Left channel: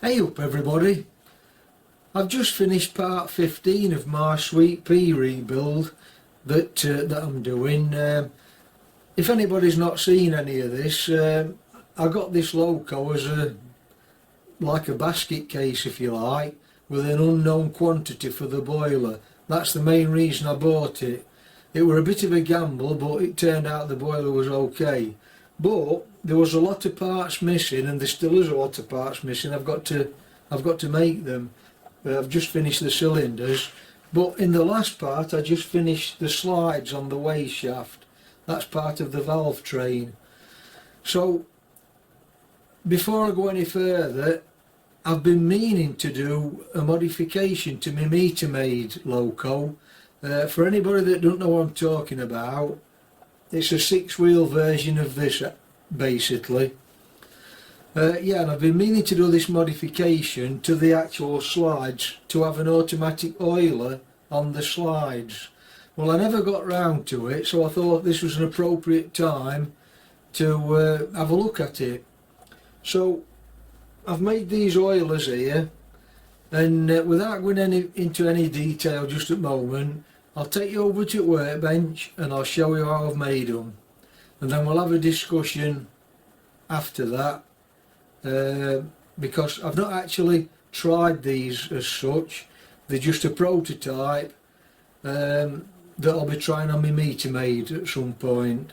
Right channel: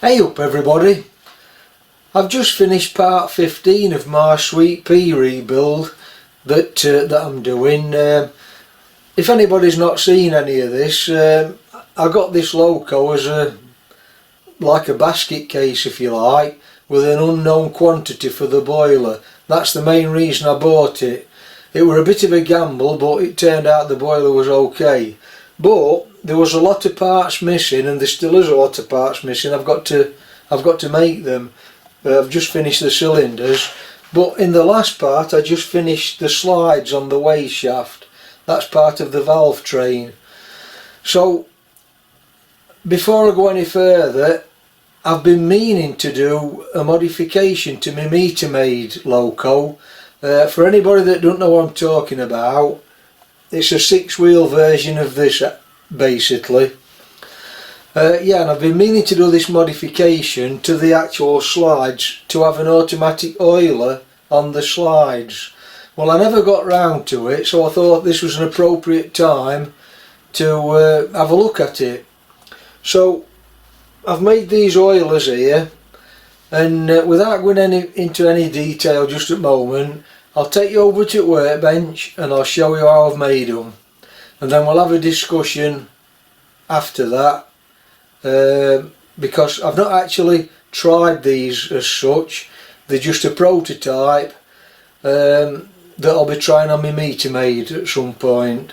Hey up everybody, I've just finished part 15 of my Sweet Pea rebuild that I'm doing. If anybody's not seen any of this, I got this loco as like a basket case if you like, with an unknown quantity for the boiler. That's the main reason I bought it. It were a bit of a gamble, but it turned out the boiler was okay. But there was a lot of parts missing, and there still is a lot of parts missing. I've got to make them. I've just finished the cylinders, but in the last part I just finished the slides on the way shaft. That's part of the valve train. So before I go any further, I've been meaning to do a modification to my Metre Maid loco. For anybody that don't know what I'm talking about, it's a 6-wheel version of this basically. Yeah, and I've been meaning to do this modification to the actual slides to have an automatic oiler on the slides. Well, I never got round to it, so I thought this was an appropriate time to have a look at it. So I've made these oilers here, and without going into any detail just at the moment, I'll take you over to the workbench and I'll show you how I've made them, and then we'll have a discussion after that. Because I've not actually tried these as such, they're just a prototype that I'll be trying on my Metre Maid at some point.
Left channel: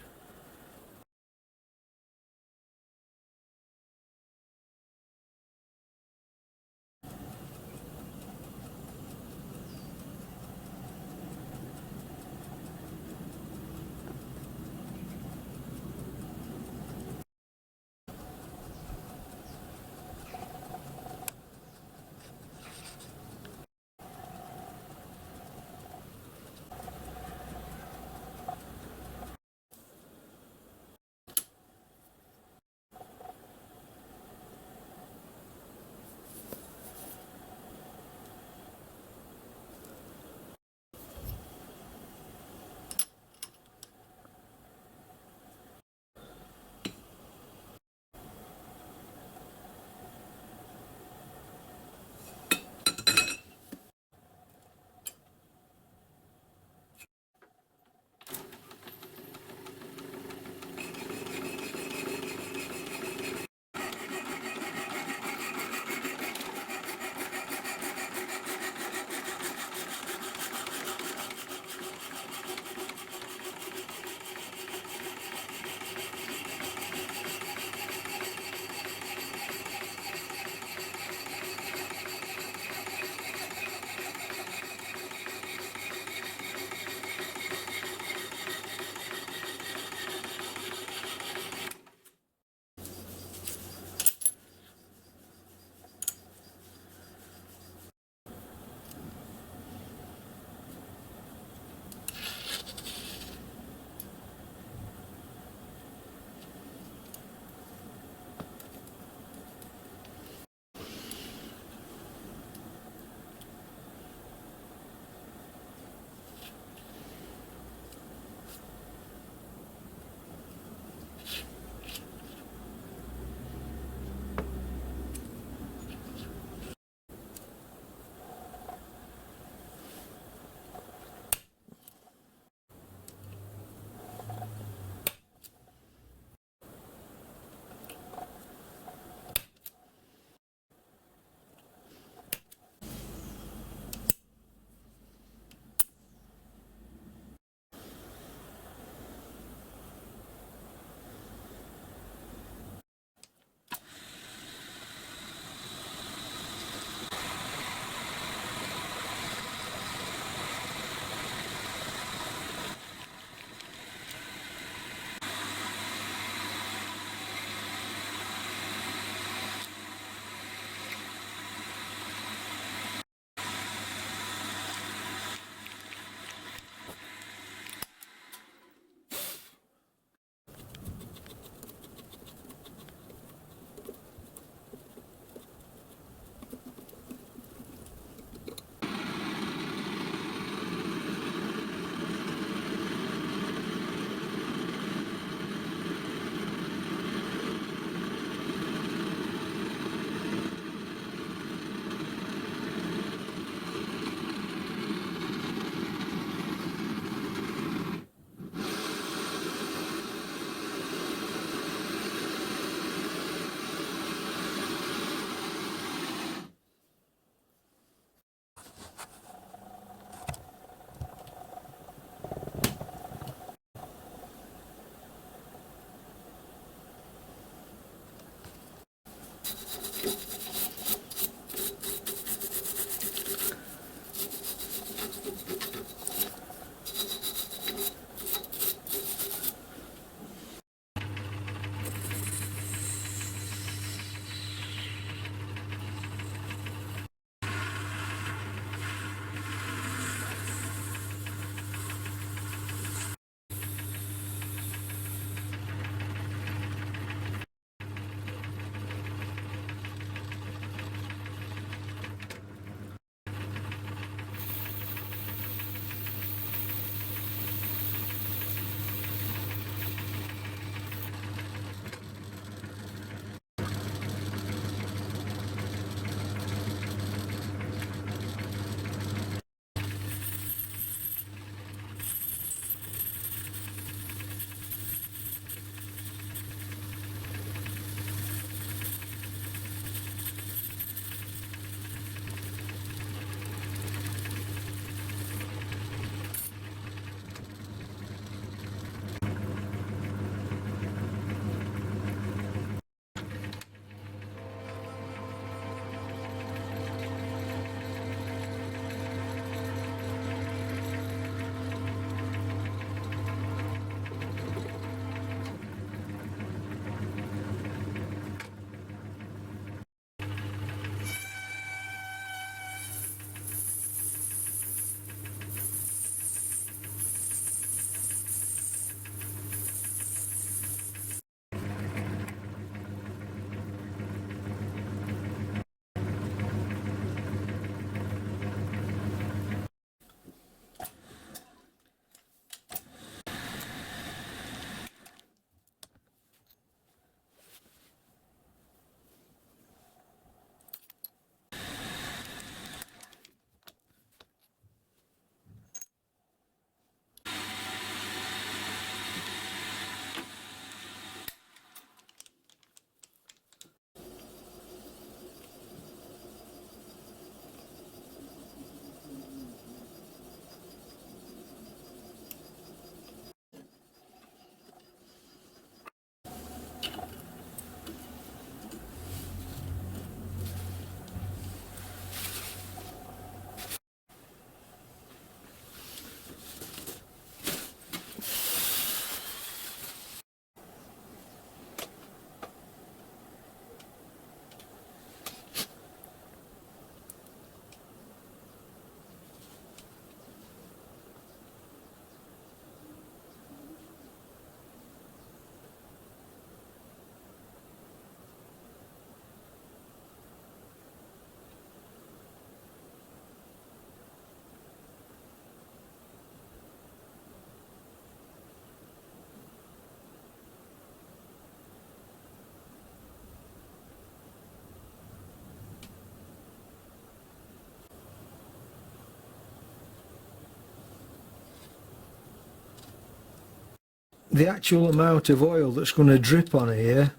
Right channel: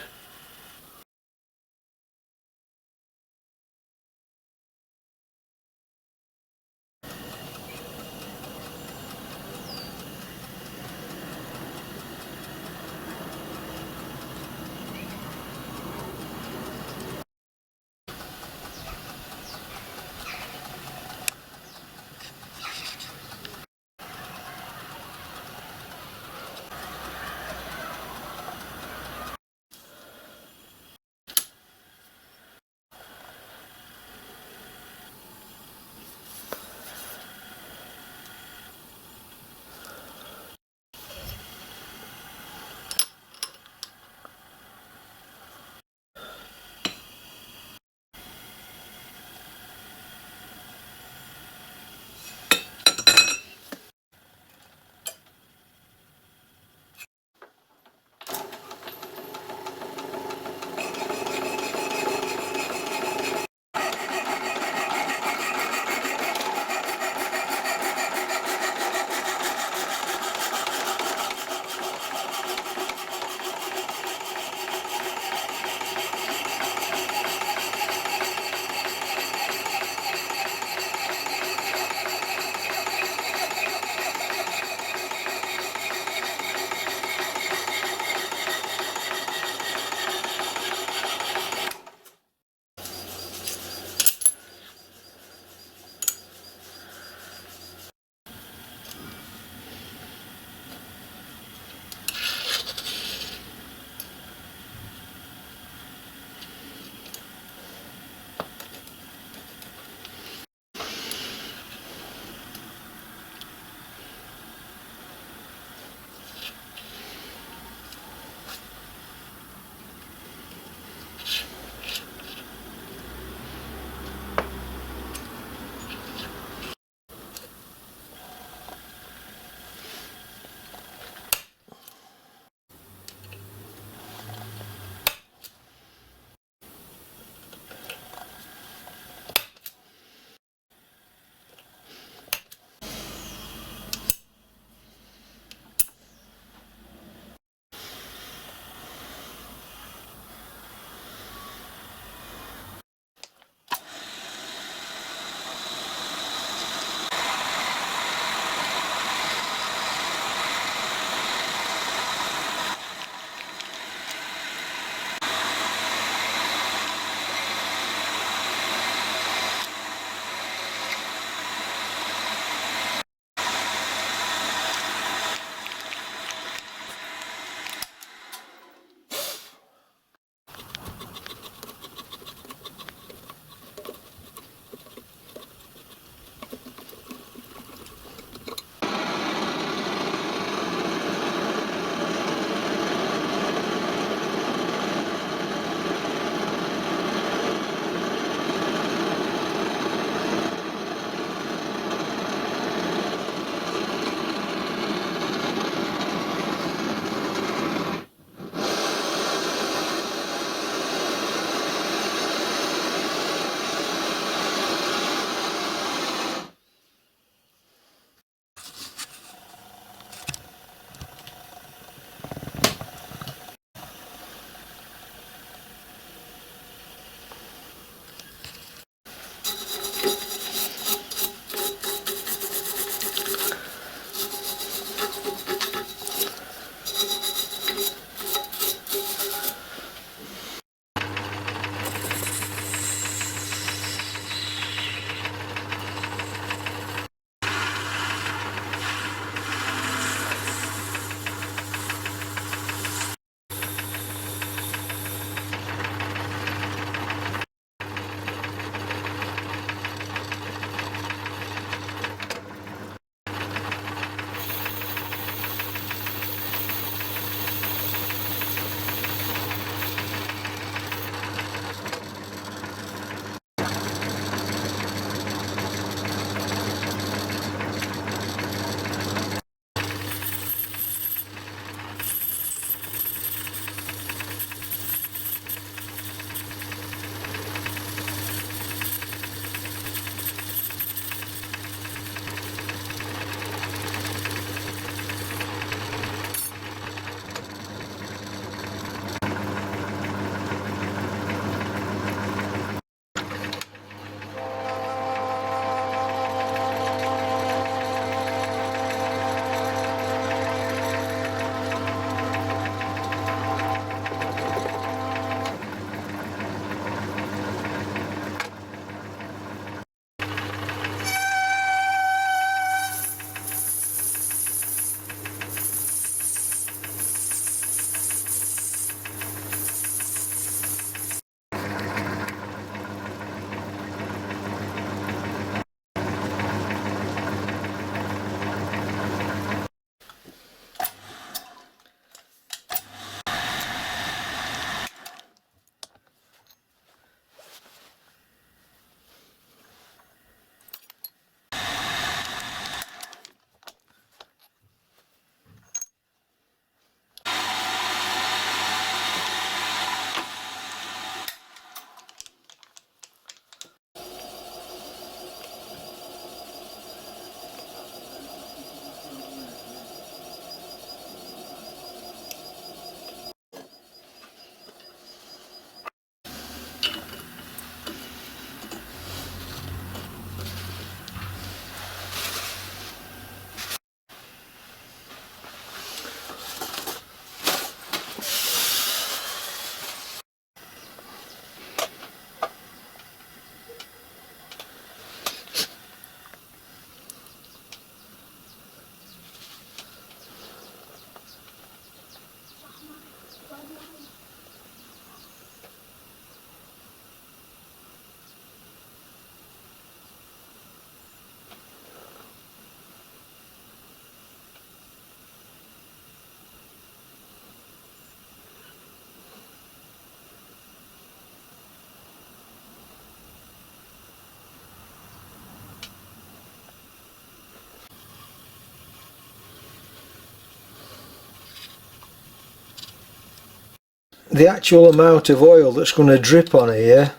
the actual amount of oil that's going to drip on here,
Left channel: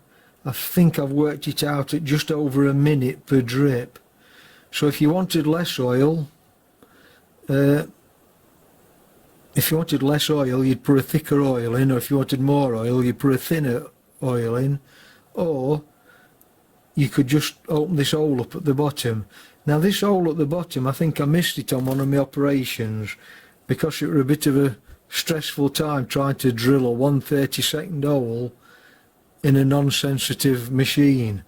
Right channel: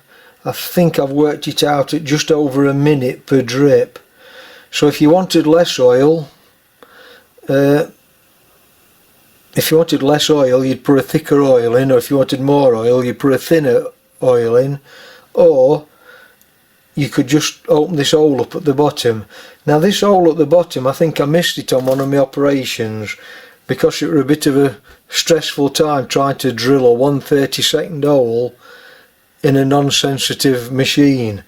I think I've worked it out at just over a minute per drip. So if you wanted less oil, you'd put a thicker oil in, or if you wanted more oil, you'd put a thinner oil in, or you could just open this hole up at the bottom. Now this hole at the bottom, I think I missed it on one of my operations because it was a bit of a stressful time trying to drill a 1/32 hole in a non-sensitive machine.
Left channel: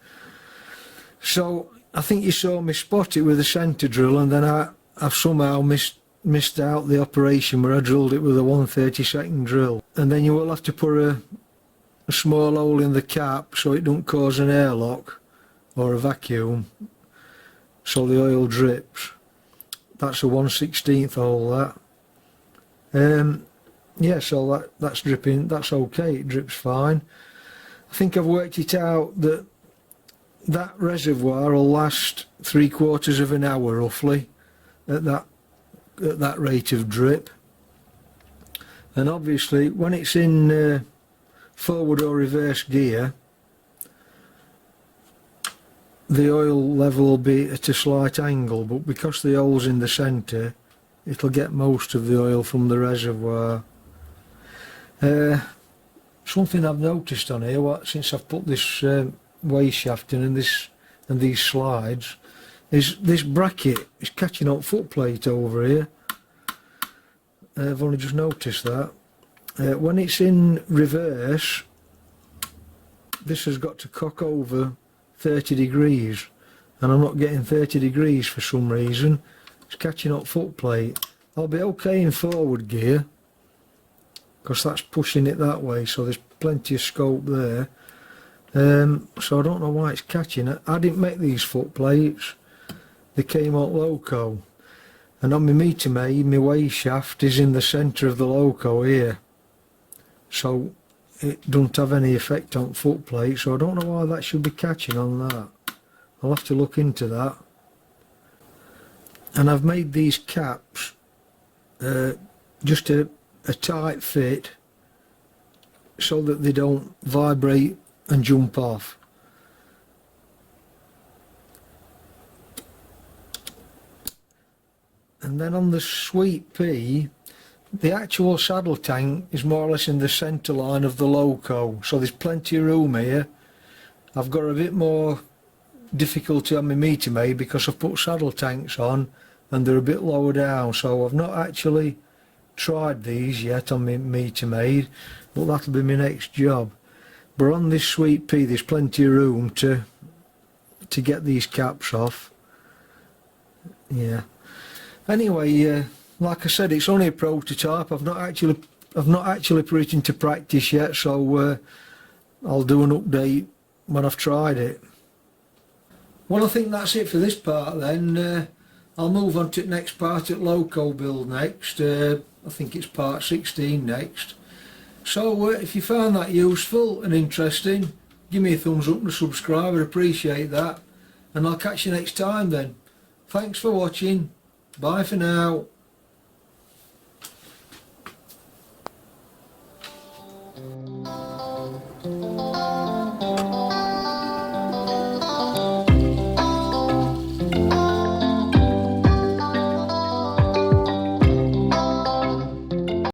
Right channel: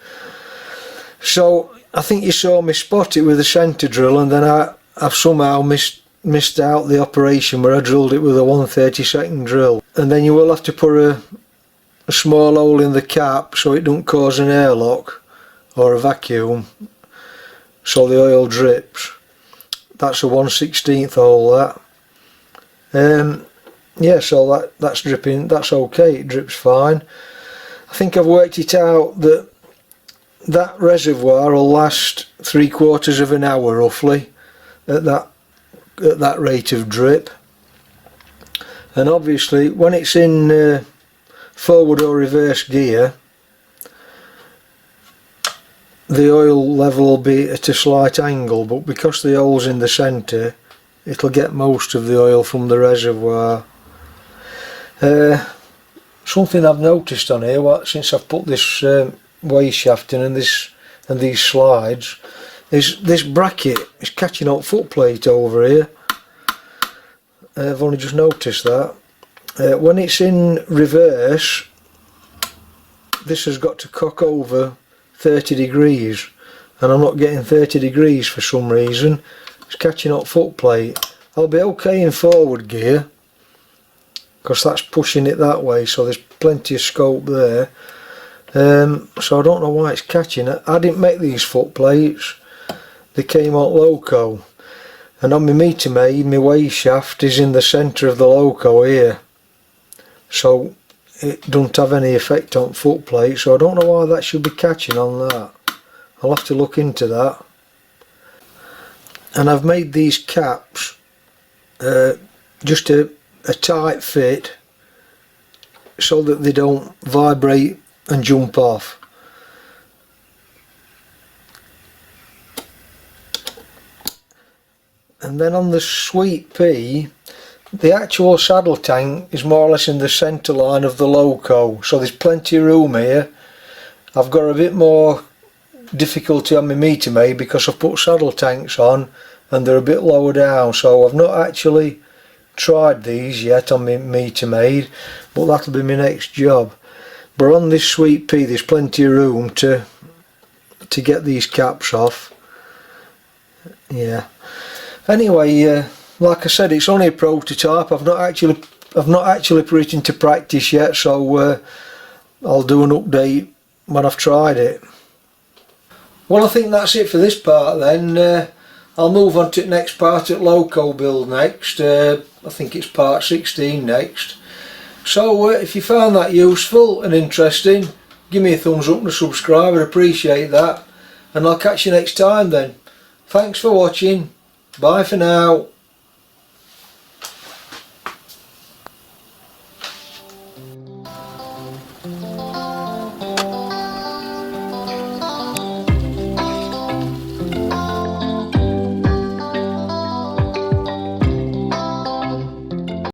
So I think you saw me spot it with a centre drill, and then I've somehow missed out the operation where I drilled it with a 1/32 drill. And then you will have to put a small hole in the cap so it don't cause an airlock or a vacuum, so the oil drips. That's a 1/16 hole, that. Yeah, so that's dripping, that's okay, it drips fine. I think I've worked it out that that reservoir will last 3/4 of an hour roughly at that rate of drip. And obviously when it's in forward or reverse gear, the oil level will be at a slight angle, but because the hole's in the centre, it'll get most of the oil from the reservoir. Something I've noticed on here since I've put this way shaft in and these slides is this bracket is catching up footplate over here. I've only just noticed that. When it's in reverse, this has got to cock over 30 degrees, and I'm not getting 30 degrees for some reason. It's catching up footplate. I'll be okay in forward gear because that's pushing it that way, so there's plenty of scope there. So I don't know why it's catching it. I didn't make these foot plates, they came out Loco, and on my Metre Maid, my way shaft is in the centre of the Loco here, so it don't have any effect on foot plate, so I don't know why that should be catching on that. I'll have to look into that. And I've made these caps just a tight fit so that they don't vibrate and jump off. And then on the Sweet Pea, the actual saddle tank is more or less in the centre line of the Loco, so there's plenty of room here. I've got a bit more difficulty on my Metre Maid because I've put saddle tanks on and they're a bit lower down, so I've not actually tried these yet on my Metre Maid, but that'll be my next job. But on this Sweet Pea there's plenty of room to get these caps off. Yeah. Anyway, like I said, it's only a prototype. I've not actually put it into practice yet, so I'll do an update when I've tried it. Well, I think that's it for this part then. I'll move on to the next part at Loco build next. I think it's part 16 next. So if you found that useful and interesting, give me a thumbs up and a subscribe, I'd appreciate that. And I'll catch you next time then. Thanks for watching. Bye for now.